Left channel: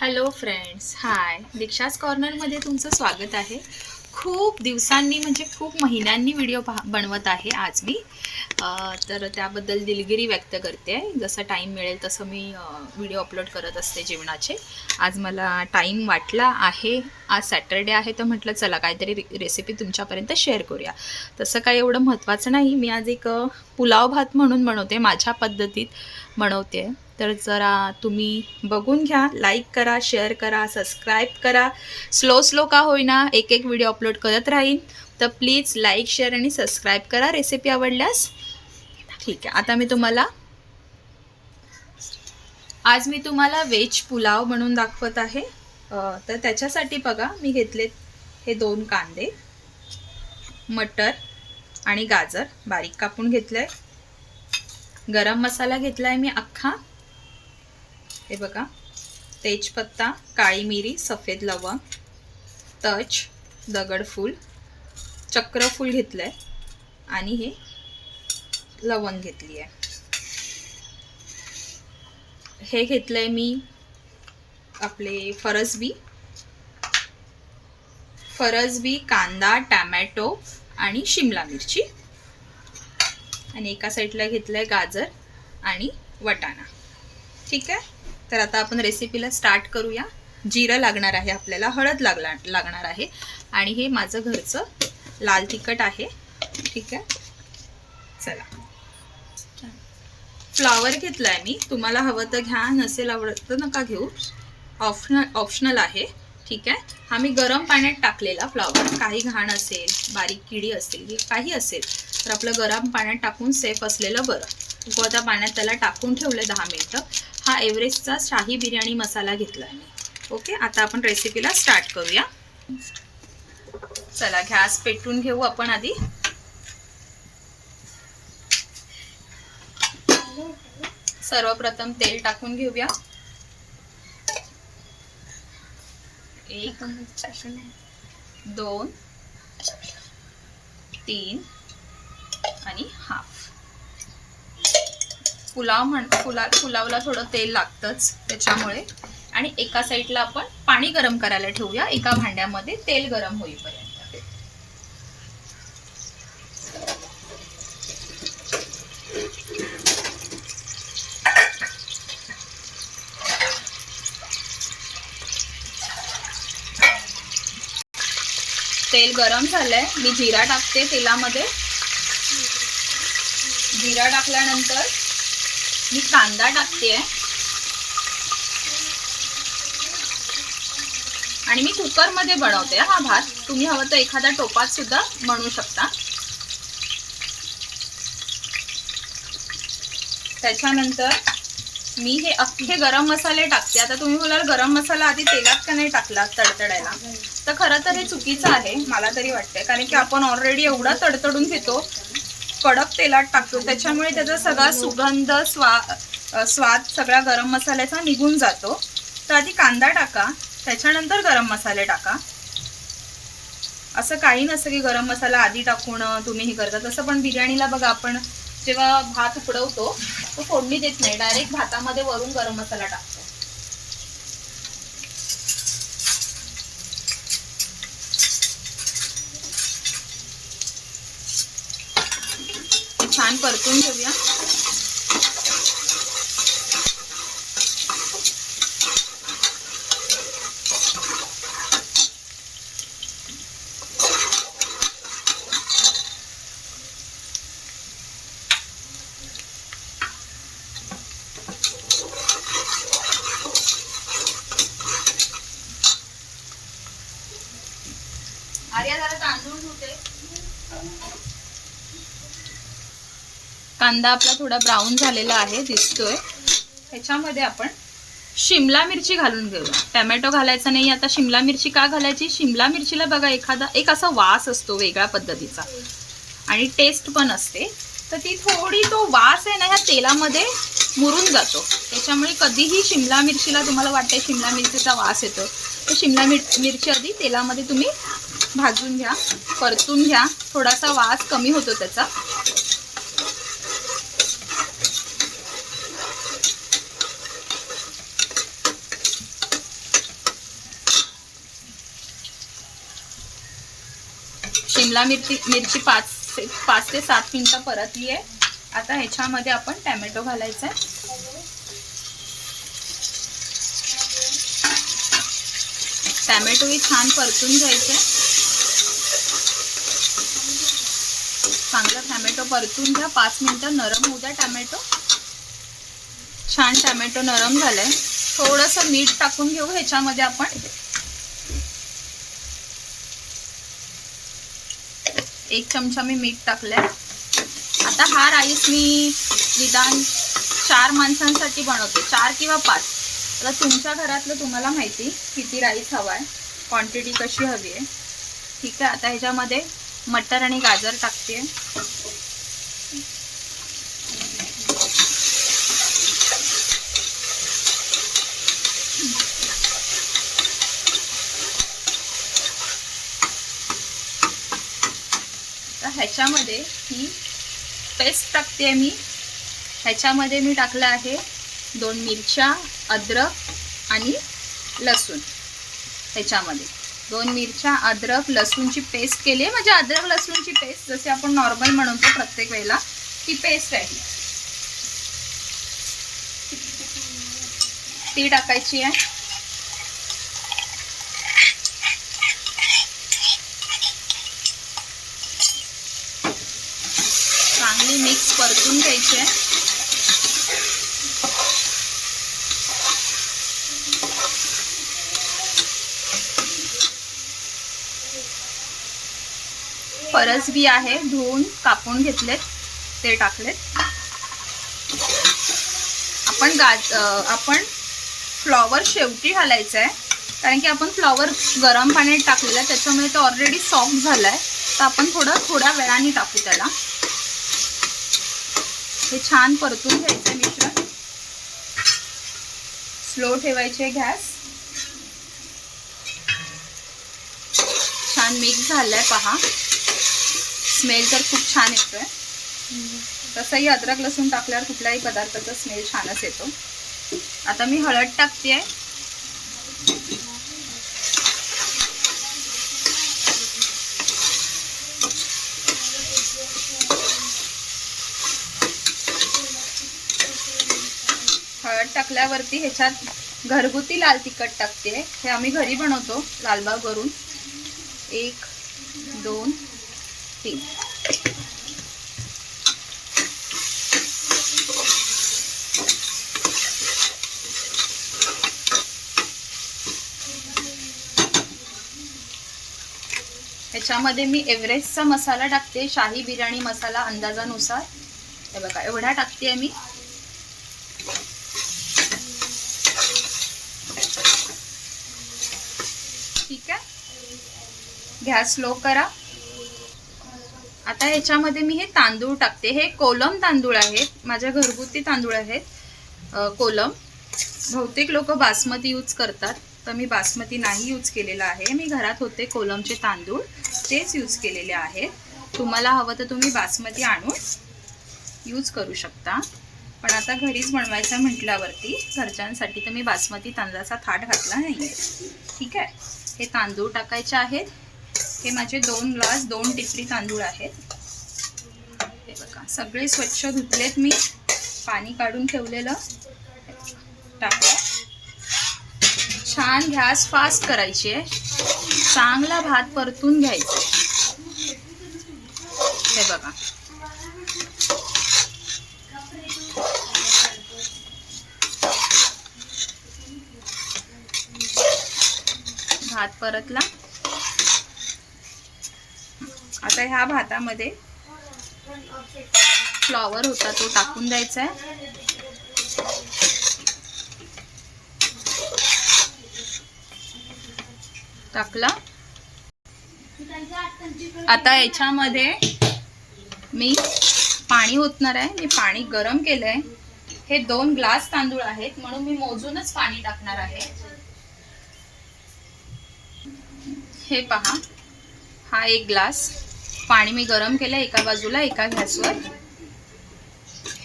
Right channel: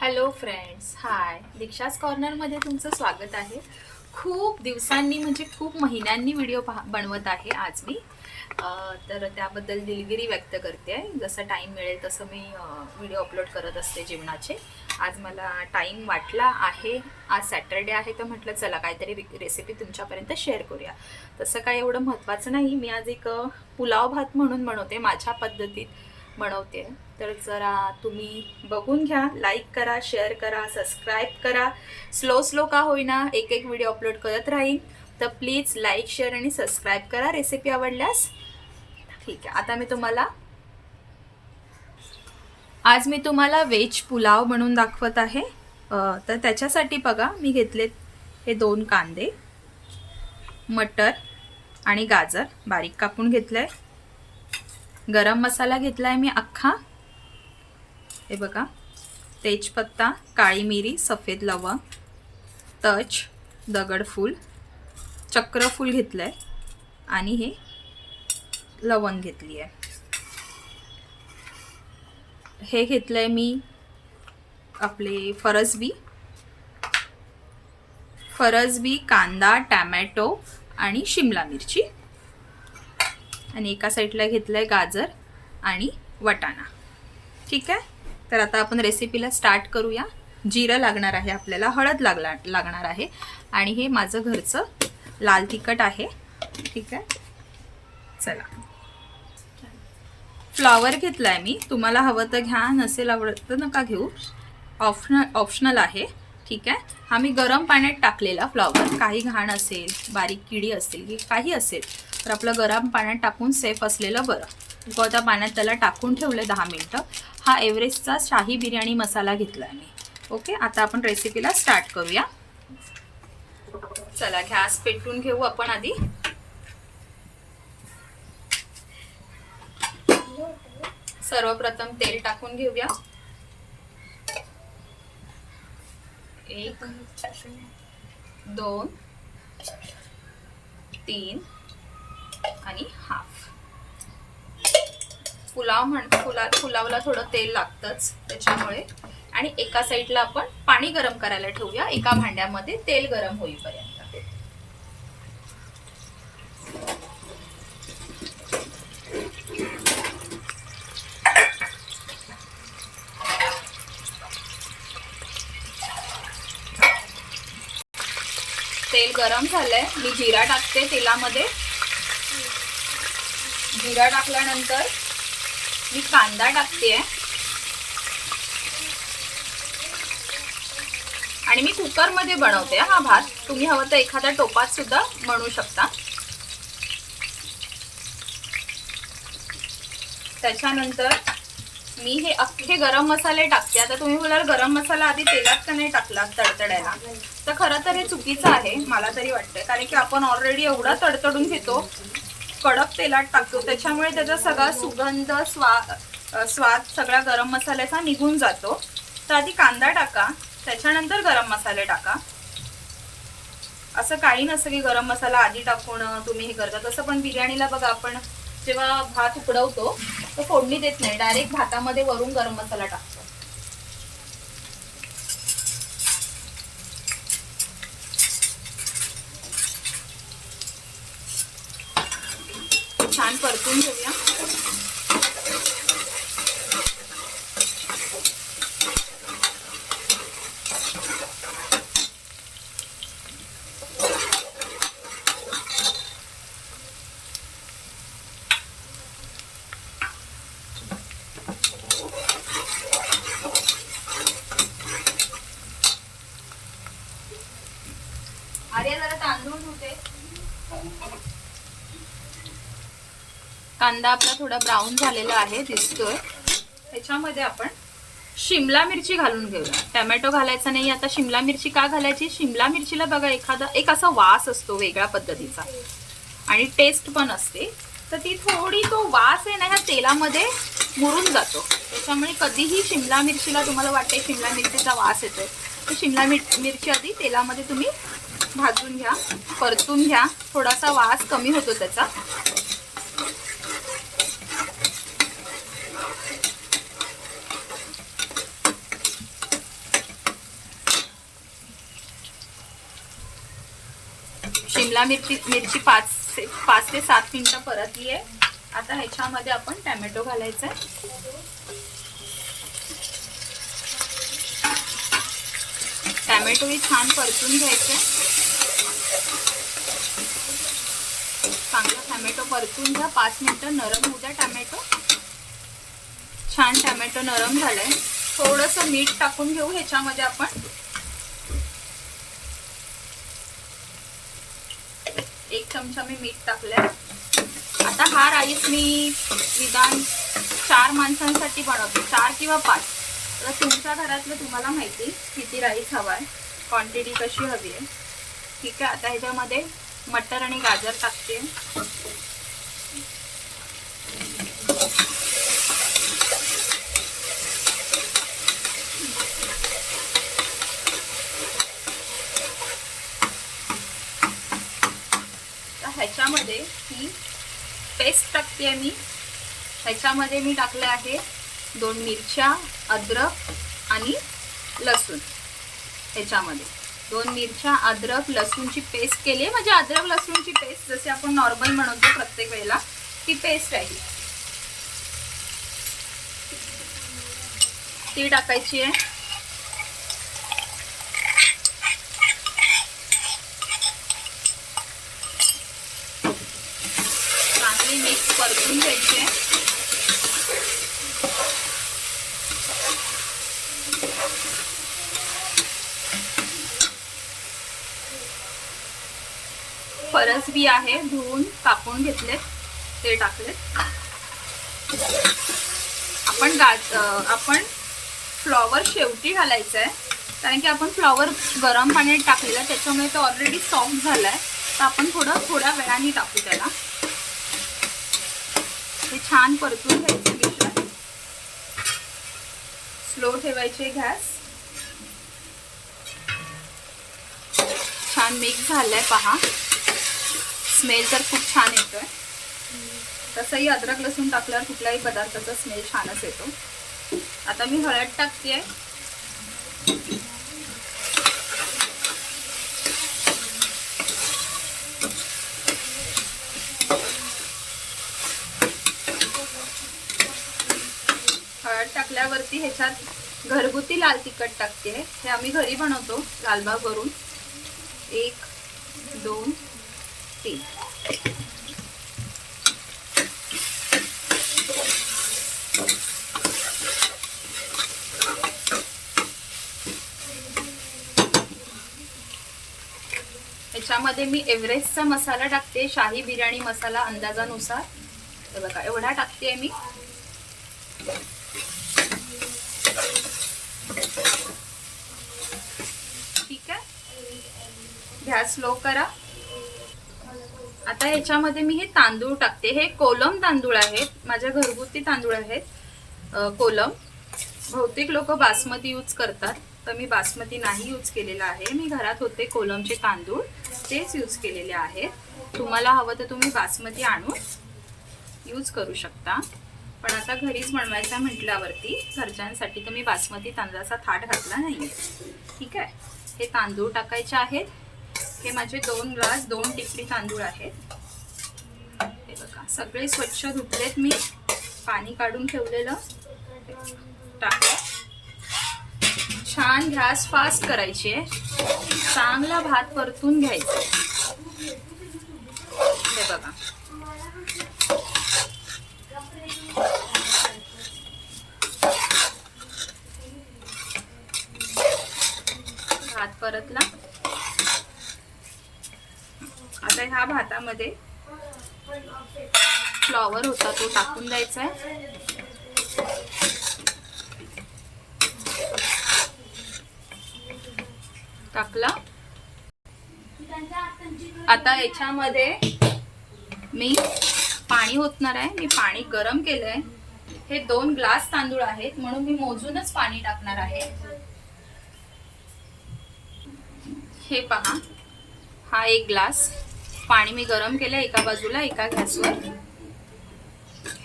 Hello friends, हाय. दीक्षाच कॉर्नरमध्ये तुमचं स्वागत आहे. खूप दिवसांनी म्हणजे खूप महिन्यांनी व्हिडिओ बनवत आहे आज मी. तर त्याबद्दल दिलगिरी व्यक्त करते आहे. जसं टाईम मिळेल तसं मी व्हिडिओ अपलोड करत असते जेवणाचे. आज मला टाईम वाटला आहे. आज सॅटरडे आहे तर म्हटलं चला काहीतरी रेसिपी तुमच्यापर्यंत शेअर करूया. तसं काही एवढं महत्त्वाचं नाही. मी आज एक पुलाव भात म्हणून बनवते, माझ्या पद्धतीत बनवते. तर जरा तुम्ही बघून घ्या, लाईक करा, शेअर करा, सबस्क्राईब करा. स्लो का होईना एक एक व्हिडिओ अपलोड करत राहीन, तर प्लीज लाईक, शेअर आणि सबस्क्राईब करा रेसिपी आवडल्यास. ठीक आहे, आता आज मी तुम्हाला व्हेज पुलाव बनवून दाखवत आहे. तर त्याच्यासाठी बघा, मी घेतलेत हे 2 कांदे, मटर आणि गाजर बारीक कापून घेतलंय. गरम मसाला घेतलाय मी अख्खा. हे बघा, तेजपत्ता, काळी मिरी, सफेद लवंग, तज, दगडफूल, चक्रफूल घेतलंय आणि हे लवंग घेतली आहे. हे घेतलंय मी आपले फरसबी, कांदा, टॅमॅटो आणि शिमला मिरची. आणि एका साईडला घेतलंय गाजर आणि वटाणा. ठीक आहे, तर आता आपण रेसिपीला स्टार्ट करूया. जिरं लागणार आहे आपल्याला, हळद लागणार आहे आणि हे माझं घरचं लाल तिखट आहे. ठीक आहे, चला. फ्लॉवर घेतलाय मी, तुम्हाला हवं तर घ्या, नसेल आवडत तर नका घेऊ, ऑप्शनल आहे. ठीक आहे, हा मी गरम पाण्यात टाकलेला फ्लॉवर. काही घाण असेल, बारीक किडी असेल, काही असेल तर आपलं गरम पाण्यात टाकून सेफ असलेलं बरं. उकळत्या पाण्यात त्याला टाकून ठेवलं 10 मिनिटं. हा एव्हरेस्टचा शाही बिर्याणी मसाला घेतला मी. ओके, आता आपण रेसिपीला स्टार्ट करूया. चला, गॅस पेटवून घेऊ आपण आधी. सर्वप्रथम तेल टाकून घेऊया. 1 2 3 आणि हाफ. पुलावला थोडं तेल लागतंच त्याच्यामुळे. आणि एका साईडला आपण पाणी गरम करायला ठेवूया, एका भांड्यामध्ये तेल गरम होईपर्यंत. तेल गरम झालंय, मी जिरा टाकते तेलामध्ये. जिरा टाकल्यानंतर मी कांदा टाकते आणि मी कुकरमध्ये बनवते हा भात. तुम्ही हवं तर एखाद्या टोपात सुद्धा बनवू शकता. त्याच्यानंतर मी हे अख्खे गरम मसाले टाकते. आता तुम्ही बोलाल गरम मसाला आधी तेलात का नाही टाकला तडतडायला, तर खरं तर हे चुकीचं आहे मला तरी वाटतंय. कारण की आपण ऑलरेडी एवढा तडतडून घेतो, कडक तेलात टाकतो, त्याच्यामुळे त्याचा सगळा सुगंध, स्वाद सगळा गरम मसाल्याचा निघून जातो. तर आधी कांदा टाका, त्याच्यानंतर गरम मसाले टाका. असं काही नसतं की गरम मसाला आधी टाकून तुम्ही हे करता. तसं पण बिर्याणीला बघा, आपण जेव्हा भात उकडवतो तो फोडणी देत नाही, डायरेक्ट भातामध्ये वरून गरम मसाला टाकतो. छान परतून घेऊया. आर्या जरा तांदूळ धुते. कांदा आपला थोडा ब्राऊन झालेला आहे, दिसतोय. ह्याच्यामध्ये आपण शिमला मिरची घालून घेऊया. टॅमॅटो घालायचा नाही. आता शिमला मिरची का घालायची? शिमला मिरचीला बघा एक असा वास असतो वेगळ्या पद्धतीचा आणि टेस्ट पण असते. तर ती थोडी तो वास आहे ना ह्या तेलामध्ये मुरून जातो. त्याच्यामुळे कधीही शिमला मिरचीला तुम्हाला वाटते शिमला मिरचीचा वास येतो, तर शिमला मिरची आधी तेलामध्ये तुम्ही भाजून घ्या, परतून घ्या. थोडासा वास कमी होतो त्याचा. शिमला मिरची 5 ते 7 मिनिटं परतली आहे. आता ह्याच्यामध्ये आपण टॅमॅटो घालायचा आहे. टॅमॅटोही छान परतून घ्यायचे. चांगला टॅमॅटो परतून घ्या. 5 मिनिटं नरम होऊ द्या टॅमॅटो. छान टॅमॅटो नरम झालाय. थोडंसं मीठ टाकून घेऊ ह्याच्यामध्ये आपण. 1 चमचा मी मीठ टाकलंय. आता हा राईस मी निदान 4 माणसांसाठी बनवते, 4 किंवा 5. आता तुमच्या घरातलं तुम्हाला माहिती किती राईस हवा आहे, क्वांटिटी कशी हवी आहे. ठीक आहे. आता ह्याच्यामध्ये मटर आणि गाजर टाकते. ह्याच्यामध्ये ही पेस्ट टाकते मी. ह्याच्यामध्ये मी टाकलं आहे 2 मिरच्या, अद्रक आणि लसूण. ह्याच्यामध्ये 2 मिरच्या, अद्रक, लसूणची पेस्ट केली आहे. म्हणजे अद्रक लसूणची पेस्ट जसे आपण नॉर्मल बनवतो प्रत्येक वेळेला ती पेस्ट आहे, ती टाकायची आहे. मिक्स परतून घ्यायचे. फरसबी आहे, धुवून कापून घेतलेत, ते टाकलेत. आपण फ्लॉवर शेवटी घालायचं आहे, कारण की आपण फ्लॉवर गरम पाण्यात टाकलेला, त्याच्यामुळे तो ऑलरेडी सॉफ्ट झालाय. तर आपण थोड्या वेळाने टाकू त्याला. हे छान परतून घ्यायचं मिश्रण. स्लो ठेवायचे गॅस. छान मिक्स झालंय पहा. स्मेल तर खूप छान येतोय. तसंही अद्रक लसूण टाकल्यावर कुठल्याही पदार्थाचा स्मेल छानच येतो. आता मी हळद टाकते. हळद टाकल्यावरती ह्याच्यात घरगुती लाल तिखट टाकते. हे आम्ही घरी बनवतो लालबागवरून. 1 2 3. ह्याच्यामध्ये मी एव्हरेस्टचा मसाला टाकते, शाही बिर्याणी मसाला अंदाजानुसार. हे बघा एवढा टाकते मी. ठीक आहे. गॅस स्लो करा. आता ह्याच्यामध्ये मी हे तांदूळ टाकते. हे कोलम तांदूळ आहेत, माझ्या घरगुती तांदूळ आहेत कोलम. बहुतेक लोक बासमती यूज करतात, तर मी बासमती नाही यूज केलेला आहे. मी घरात होते कोलमचे तांदूळ, तेच यूज केलेले आहेत. तुम्हाला हवं तर तुम्ही बासमती आणून यूज करू शकता, पण आता घरीच बनवायचा म्हटल्यावरती घरच्यांसाठी तर मी बासमती तांदळाचा थाट घातला नाही. ठीक आहे. हे तांदूळ टाकायचे आहेत. हे माझे 2 ग्लास 2 टिपरी तांदूळ आहेत. हे बघा सगळे स्वच्छ धुतलेत मी, पाणी काढून ठेवलेलं. टाकलं. छान गॅस फास्ट करायची आहे. चांगला भात परतून घ्यायचा. हे बघा भात परतला. आता ह्या भातामध्ये फ्लॉवर होता तो टाकून द्यायचा आहे. टाकला. आता याच्यामध्ये मी पाणी ओतणार आहे. मी पाणी गरम केलंय. हे 2 ग्लास तांदूळ आहेत म्हणून मी मोजूनच पाणी टाकणार आहे. हे पहा, हा 1 ग्लास पाणी मी गरम केलं एका बाजूला एका गॅसवर.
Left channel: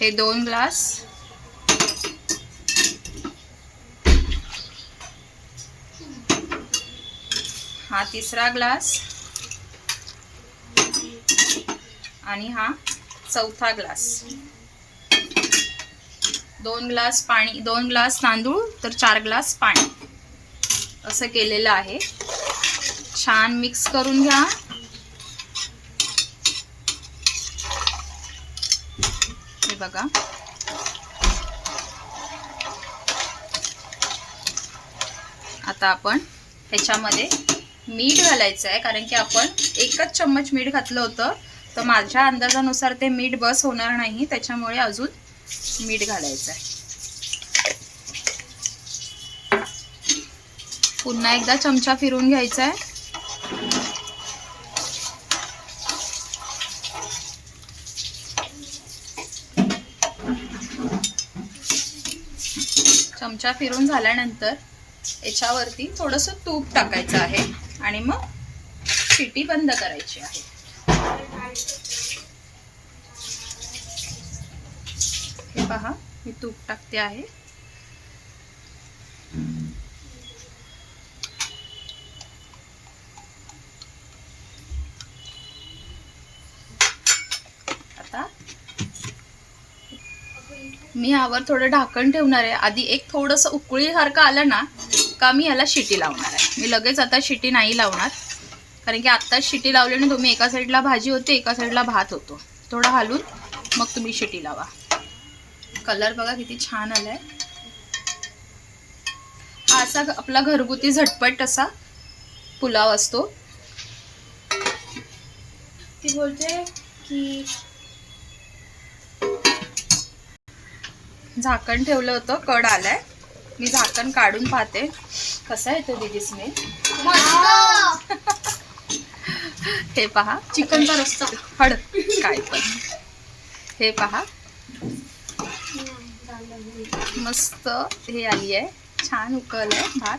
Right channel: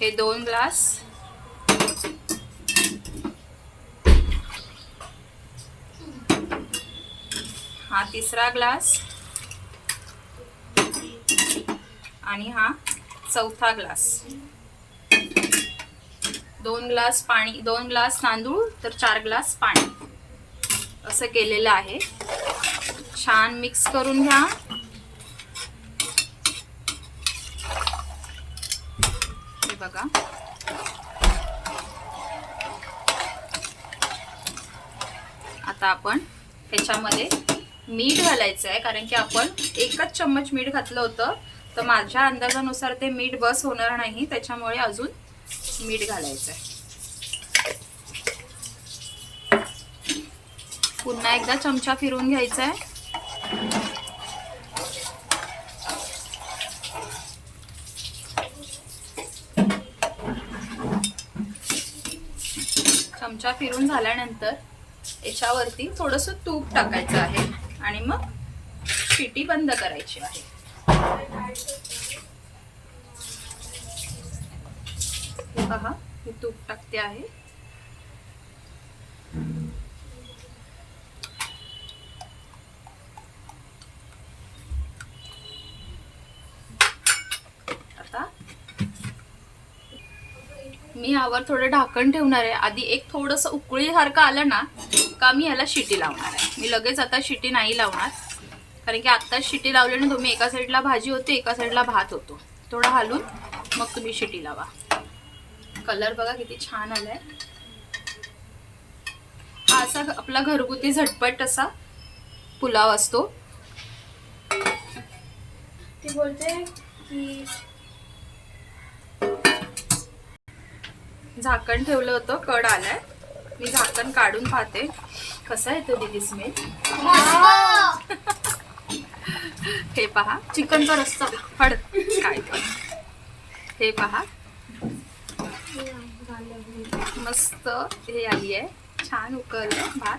हे 2 ग्लास. हा 3रा ग्लास. आणि हा चौथा ग्लास. 2 ग्लास पाणी, 2 ग्लास तांदूळ तर 4 ग्लास पाणी असं केलेलं आहे. छान मिक्स करून घ्या. हे बघा, आता आपण ह्याच्यामध्ये मीठ घालायचं आहे, कारण की आपण 1च चम्मच मीठ घातलं होतं, तर माझ्या अंदाजानुसार ते मीठ बस होणार नाही, त्याच्यामुळे अजून मीठ घालायचं आहे. पुन्हा एकदा चमचा फिरून घ्यायचा आहे. चमचा फिरून झाल्यानंतर याच्यावरती थोडंसं तूप टाकायचं आहे आणि मग शिटी बंद करायची आहे. हे पहा, मी तूप टाकते आहे. आता मी यावर थोडं ढाकण ठेवणार आहे. आधी एक थोडंसं उकळीसारखं आलं ना का मी याला शिटी लावणार आहे. मी लगेच आता शिटी नाही लावणार, कारण की आत्ताच शिटी लावल्याने तुम्ही एका साईडला भाजी होते, एका साईडला भात होतो. थोडं हलवून मग तुम्ही शिटी लावा. कलर बघा किती छान आलाय. हा असा आपला घरगुती झटपट असा पुलाव असतो. ती बोलते की झाकण ठेवलं होतं, कड आलाय. मी झाकण काढून पाहते कसा येतो दीदी स्मेल. हे पहा, चिकनचा रस्सा हड काय पण. हे पहा, मस्त हे आली आहे, छान उकळलंय भात.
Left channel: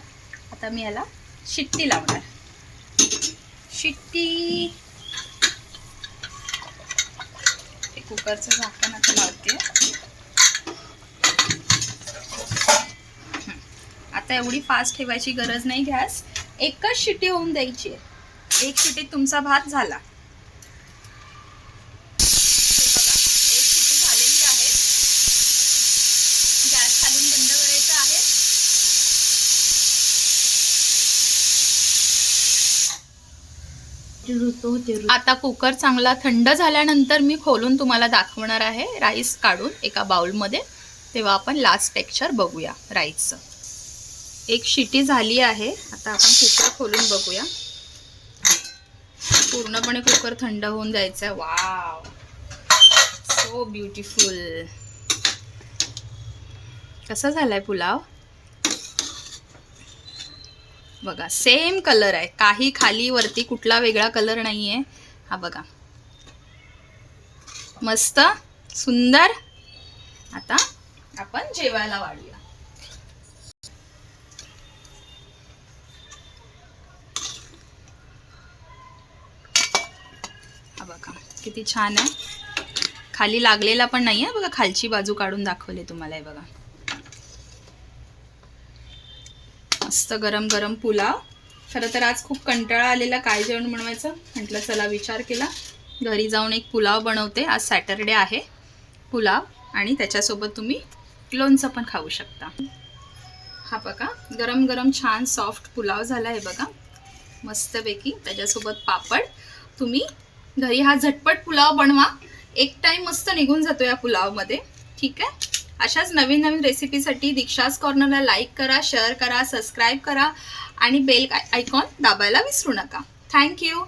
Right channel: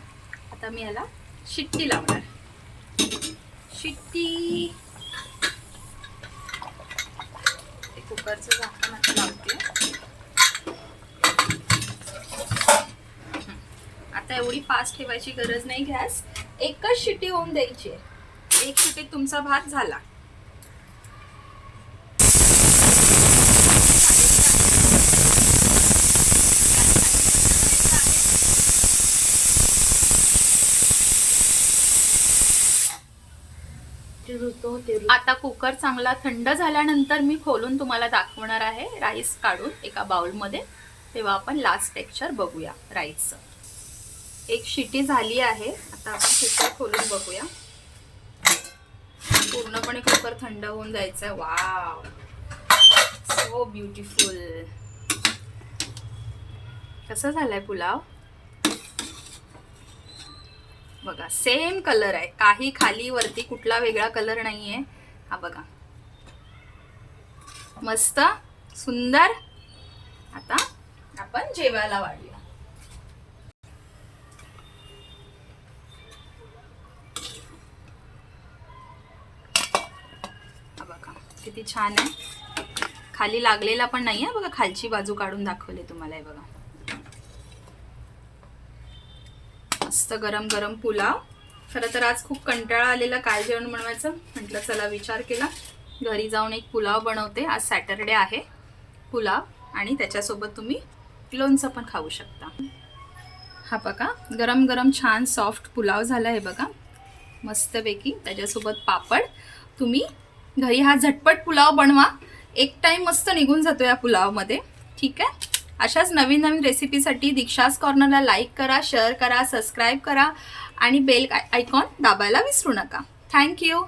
आता मी याला शिट्टी लावणार. शिट्टी. कुकरचं झाकण आता लावते. आता एवढी फास्ट ठेवायची गरज नाही गॅस. एकच शिटी होऊन द्यायची आहे. एक शिटीत तुमचा भात झाला. आता कुकर चांगला थंड झाल्यानंतर मी खोलून तुम्हाला दाखवणार आहे राईस काढून एका बाउलमध्ये. तेव्हा आपण लास्ट टेक्स्चर बघूया राईसचं. एक शिटी झाली आहे. आता आपण कुकर खोलून बघूया. पूर्णपणे कुकर थंड होऊन द्यायचा. Wow, so beautiful. कसा झालाय पुलाव बघा. सेम कलर आहे, काही खाली वरती कुठला वेगळा कलर नाहीये. हा बघा, मस्त सुंदर. आता आपण जेवायला वाढूया. हा बघा किती छान आहे. खाली लागलेला पण नाहीये बघा. खालची बाजू काढून दाखवले तुम्हाला. हे बघा, मस्त गरम गरम पुलाव. खरं तर आज खूप कंटाळा आलेला काय जेवण बनवायचं. म्हटलं चला विचार केला घरी जाऊन एक पुलाव बनवते. आज सॅटरडे आहे. पुलाव आणि त्याच्यासोबत तुम्ही लोणचं पण खाऊ शकता. हा बघा, गरम गरम छान सॉफ्ट पुलाव झाला आहे बघा, मस्तपैकी. त्याच्यासोबत पापड. तुम्ही घरी हा झटपट पुलाव बनवा. एक टाइम मस्त निघून जातो या पुलावमध्ये. ठीक आहे. अशाच नवीन नवीन रेसिपीसाठी दीक्षाज कॉर्नरला लाईक करा, शेअर करा, सबस्क्राईब करा आणि बेल आयकॉन दाबायला विसरू नका. थँक्यू.